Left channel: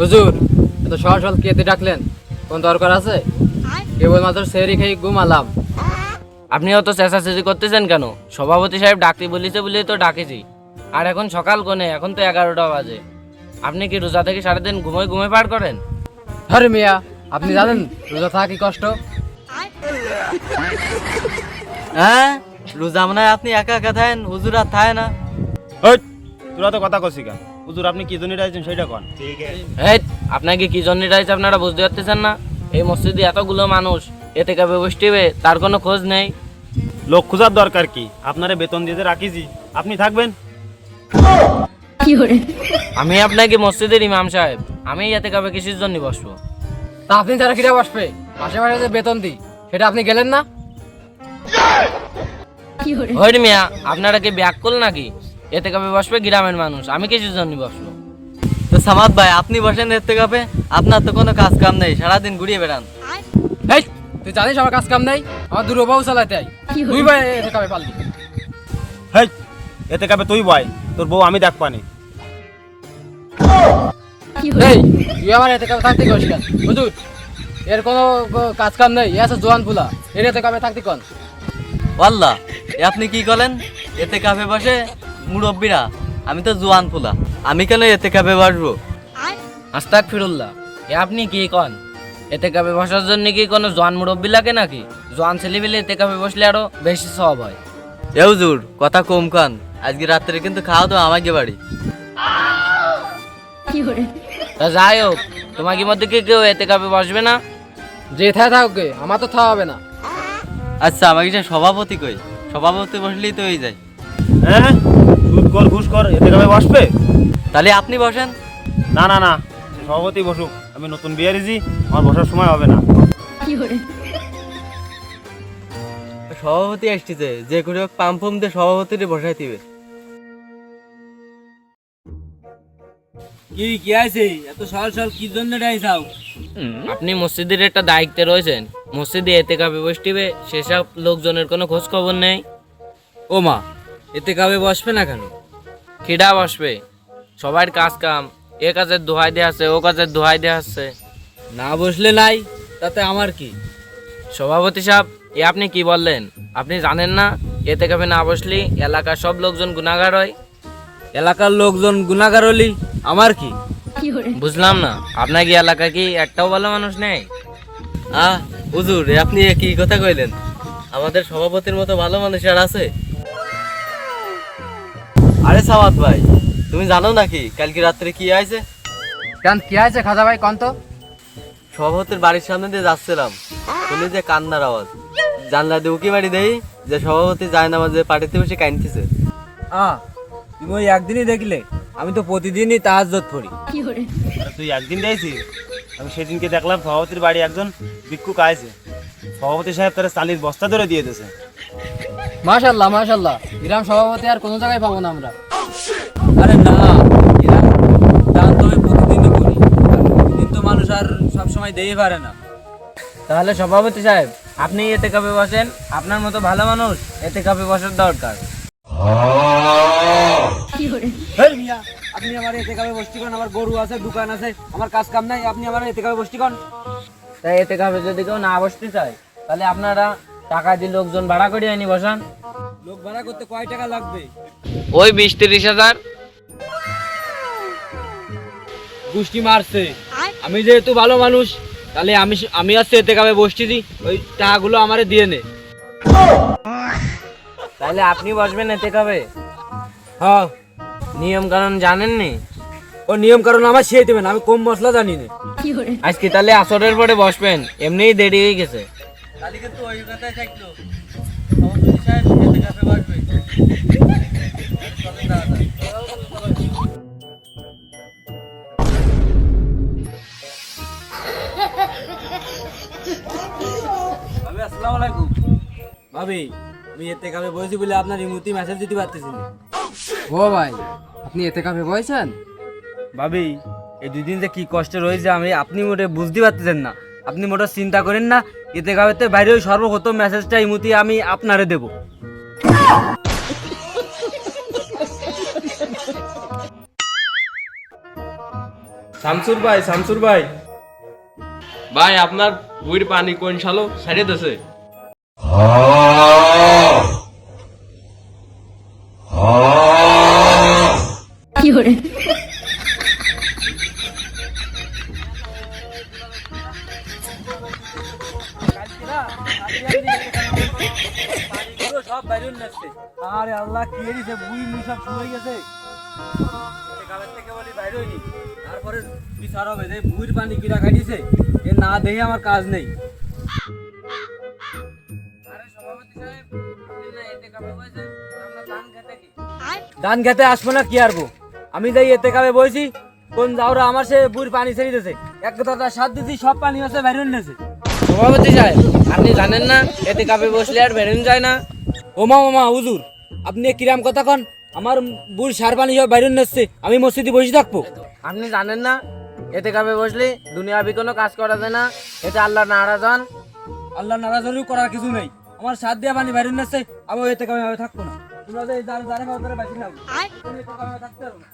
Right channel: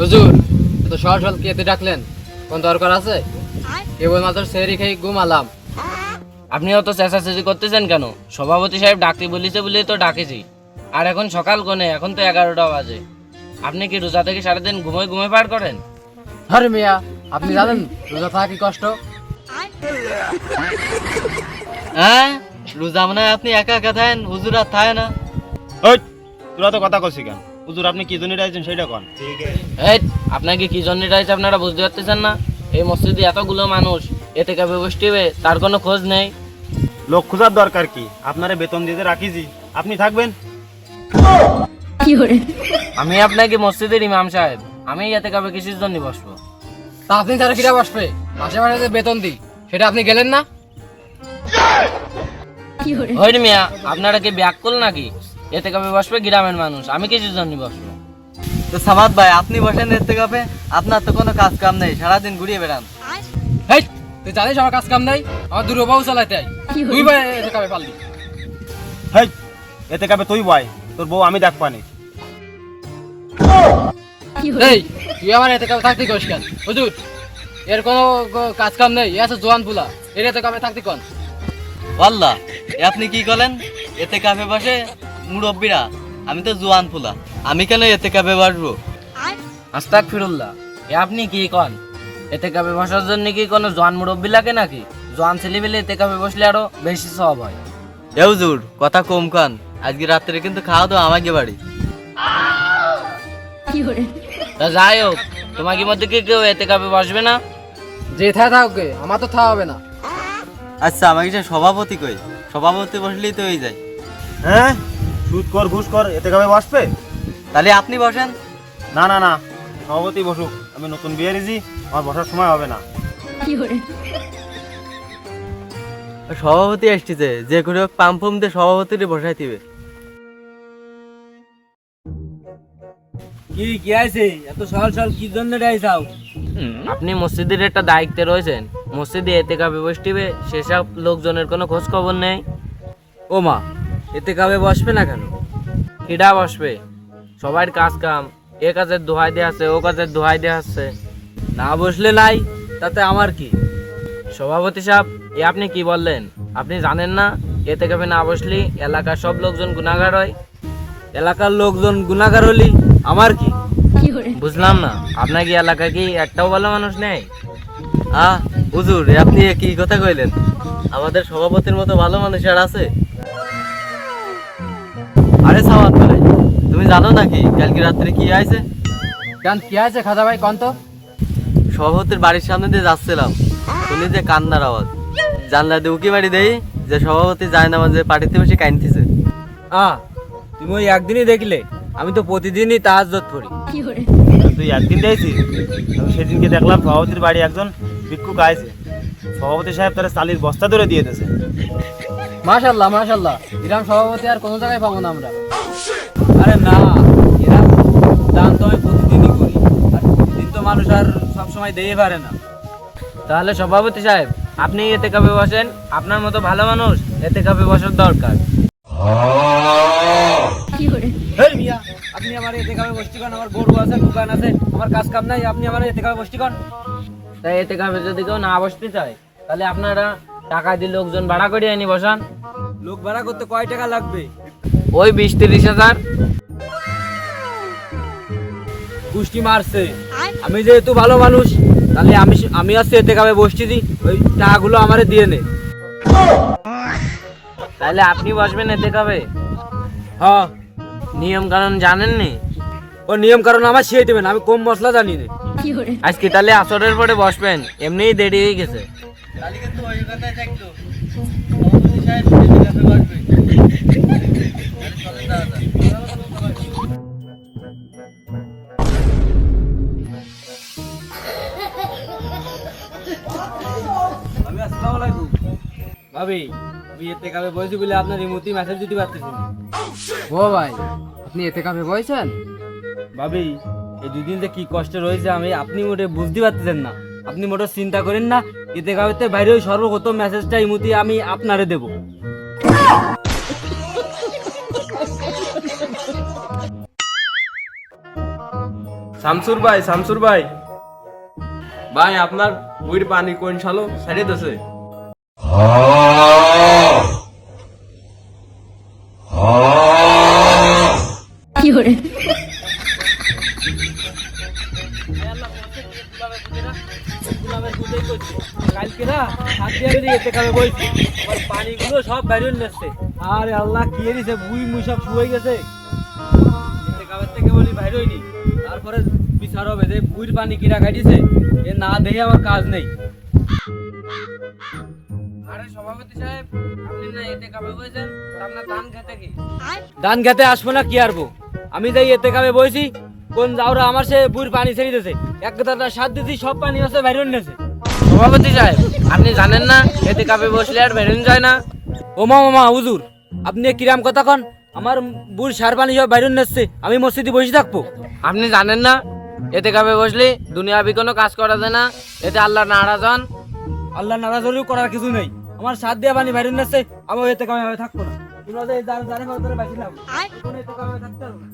হুজুর, এত সকাল সকাল কেতে ডাকলেন? কোন দরকার আছে? কেবলমাত্র সেহরি খেয়ে ঘুমালাম। আপনি অত চেঁচাচেঁচি করতেছেন কেন? সভাপতি সাহেব ডাকতে বলেছে বলেই তো ডাকেছি। আর এখন সকাল কোনে, এখন তো 11টা বাজে। আপনি কি রোজা থেকে সারাদিন ঘুমোয় ঘুমোয় পার করেন? আরে মিয়া, আপনি জানেন রোজা থাকা কি কষ্ট? হ্যাঁ, রোজা মনে হয় আপনি একা একা থাকেন, হুজুর আর থাকে না। ওই তোরা তো কথা কইছি কেন? হুজুর আপনি কি জন্য রাইছেন সেটা কোন। এই, আপনাকে কি জন্য রাইছে আপনারা বুঝতে পারতেছেন না? এই মসজিদে এতগুলো মানুষ এতে কাবে বসবে, তার কোনো খোঁজ নেই। লোক খোঁজার দরকার কি? আপনারে বেতন দিতে রাখিছি, আপনি থাকবেন। আমি আপনাকে মসজিদের ইমাম সাহেব, আমি এতে কাবে কিসের জন্য বসবো? তা আপনি তারা কিরা বসবে? মাসে মাসে যে বেতন দিই সেটা আপনি গেলেন না? হই মিয়া, আপনারা কি ব্যাক করল নাকি? এতে কাবে বসবে গ্রামের মানুষ, আমি কিসের জন্য বসবো? তো সামাদ ভাই, আপনি বসেন এতে কাবে, আপনার তো কোনো কাজ কাম নেই, সারাদিন ঘুরিয়ে বেড়ান। এই, তুই জানিস আমার কাজ কাম নাই? আমার দুর্বউ চালাইতে আই। তুই ভাই এতে কাবে পারলি? হেই, এতে কাবে তুই বয়, তোর বউ আমি দেখ পানি। এই, তুই আমার এতে কাবে থাকতে কইস কেন? হুজুর, এর কোনো কাজ কাম নেই। এ আছে জোয়ান ফুলা, এর এতে কাবে থাকতে কোন? ওয়াল্লাহ, আপনি কি করেন? এতে কাবে বসে মুরব্বীরা, আমি তো জোয়ান ফুলা, আমি কেন এতে কাবে বসবো? আস্তাগফিরুল্লাহ, আপনি কি কন? এতে কাবে বসার জন্য কি কোনো জোয়ান মুরব্বী লাগে নাকি? জোয়ান ছেলেবেলে এতে কাবে বসলে আরো বেশি সওয়াব হয়। এ হুজুর, কথা কম কান, আজকে রাত্রে কিন্তু খাওয়া দাওয়া আমাকে বাড়ি। তা যাই হোক, তোমাকে মধ্যে কি কেউ এতে কাবে বসবে না? যে থায় থাকবে, আমার তো থাওয়া হবে না। আচ্ছা, আমাকে যে সভাপতি কই, সভাপতি বসলেই তো হয়ে যায়। হ্যাঁ, সুদ কর ঘুষ কর, এতে কাবে বসবে? তাহলে আপনি বসেন। না না না, সভাপতি বসুক, আমি নতুন বিয়ে রেজি, আমার বসার সময় হবে না। সভাপতি আসতেছে, যে করে হোক পাম্প দিয়ে সভাপতিরে বসাই দিবে। কি আছে এত সকাল সকাল কি জন্য রাইছাও? আপনি মসজিদের একটা দায়িত্বে রয়েছেন, মসজিদে এতে কাবে বসবে, সেসব লোকজনের কোনো খোঁজ খবর নেই। ও মা, এতে কাবে বসবে না কেন? খিডা বসবে, সবার কাজ কাম, এ কাজের দোহাই দেওয়া আছে, ও কাজের দোহাই দেওয়া আছে। না বসলে নাই, তাতে আমার কি? সভাপতি সাহেব, এ আপনি কি বললেন? আপনি জানেন না এতে কাবে না বসলি এলাকার সব লোকজন গুনাহগার হয়? এলাকার লোকজন গুনাহগার হলি আমার কি? বুঝলাম না, আপনার কি এলাকায় কি একটাও ভালো মানুষ নেই? হুজুর, আপনি কি কথা কইলেন? আমাদের সভাপতির মতো ভালো মানুষ আর আছে? আরে সাওয়াত ভাই, তুমি জানো নাকি কালকে রাত্রে কি হয়েছে? কেন কি আছে খাজা ভাই কন তো? সভাপতির বাড়ির সামনে দিয়ে যাচ্ছিলাম, শুনি যে কান্নার আওয়াজ। জানলা দিয়ে উকি বাড়ি দেই যে সভাপতি যায় না, আমাদের পার্টিতে বসে কাঁদতেছে। তুমি ওই একদিনই দেখলে? আমি তো প্রতিদিনই তাহাজ্জুদ পড়ি। তুই একদিন দেখছিস? আমি সেদিনকে দেখলাম সভাপতির বাড়ি একজন ভিক্ষুক আইছে, সভাপতি সাহেব তারা চালির বস্তা ধরে দিয়ে দিয়েছে। মাশাআল্লাহ মাশাআল্লাহ, গ্রাম সভাপতি আর কোনো জায়গায় পাবো না আমরা। আরে না, এরা দান তো আমি প্রতিদিনই করি, আর প্রতিদিন তো মানুষ আর সবসময় দিয়ে পারে না। তাহলে সভাপতি সাহেব, আপনি এতে কাপে বসেন, আপনার মতো ভালো মানুষ এতে কাপে বসার দরকার। হেই মিয়া, আপনি আমার এতে কাবে বসতি কোন? আমার গরু আছে, দোকান আছে, আমার কাজ কাম নাই, আপনি আমার এতে কাবে বসতি কোন? তাই এতে কাপে যদি কেউ না বসতে চায়, তাহলে আপনারা টাকা দিয়ে লোকজন ভাড়া করে আনি বসান। লোক ভাড়া করতে কয় টাকা লাগবে? ওই 20-30 হাজার। গুষ্টি মারছে। আমি যেহেতু ভালো মানুষ, তাহলে আমি আসছে এতে কাবে বসছি দি, ওই টাকাগুলো আমারে দিয়ে নে। তাহলে আপনি বসবেন এতে কাপে? হ্যাঁ, নিয়ম কানুন জানেননি? ও নিয়ম কারণ আমার সেই দেবেন, আমি কম মশলা জানি না। আজকে তাহলে আসরের পরে বসবেন, এমনিই দেরি হয়ে গেছে। ভাবি আসসালামু আলাইকুম। ভাবি, আমি এতে কাবে বসেছি বলে আপনার ইমুতি মেসেজ দিতে পারতেছি না। ও ভাই, আপনি এতে কাবে বসেছেন? ভাবি, এই দুদিন যে কি কষ্ট রয়েছে আপনি মোটে বুঝতে পারতেছেন না। আপনি মোটে চিন্তা করেন না, এতে কাবেতে বাইরে ওই সর্বপ্রথম মেসেজটা ইমুতি আমি আপনারে দেব। শামসুর ভাই ভাই আপনার বুড়ির পানি কোন সালো সারিয়ে দিয়েছে কালকে না হাত দিয়ে আমি এতে কাবে বলছি পানিগুলো সব বাইরে নিচ্ছে। আরে আল্লাহ কি দিছে, বুই মুই সব শুয়ে গেছে। এতে কাবের থেকে বলি বাইরে হইনি, তারপরে বিচার হবে যে বুইর পানি কিরা কাটিছে, এ না দেখে আমার কাজ নেই। আরে সভাপতি সাহেব, আপনি না এতে কাবে বলছেন, আপনার ধান খেতে কি? ধান খেতে আসবো না কি আরবো, আমি যাই এতে কাবে বইছি, কোন যাওরা আমার সে বুইর পানি ছেড়ে দিয়েছে, এক কথাটা সাত দিয়েছি, সব পানি হচ্ছে বাইরে নিয়েছে। সভাপতি সাহেব, আপনি জানেন না এতে কাবে বসলে আর বেরোন যায় না? ওমা মামা হুজুর, আপনি কিরাম কথা কন, আমার বুড় সার পানি সব বাইরে নিচ্ছে, আমি মসজিদে বসে থাকবো? আপনি জানেন না এতে কাবে বসলে দুনিয়াবি কোনো কাজ করা যায় না, এতে আল্লাহ নারাজ হন। আল্লাহ নারাজরিও করার কিছু নেই, আমার সাত দিয়ে পানি বাইরে নিচ্ছে, আমি এতে কামে থাকবো না। তোমরা যে যার যারে বাঁচি না, এতে কামে থাকতে পারবো না।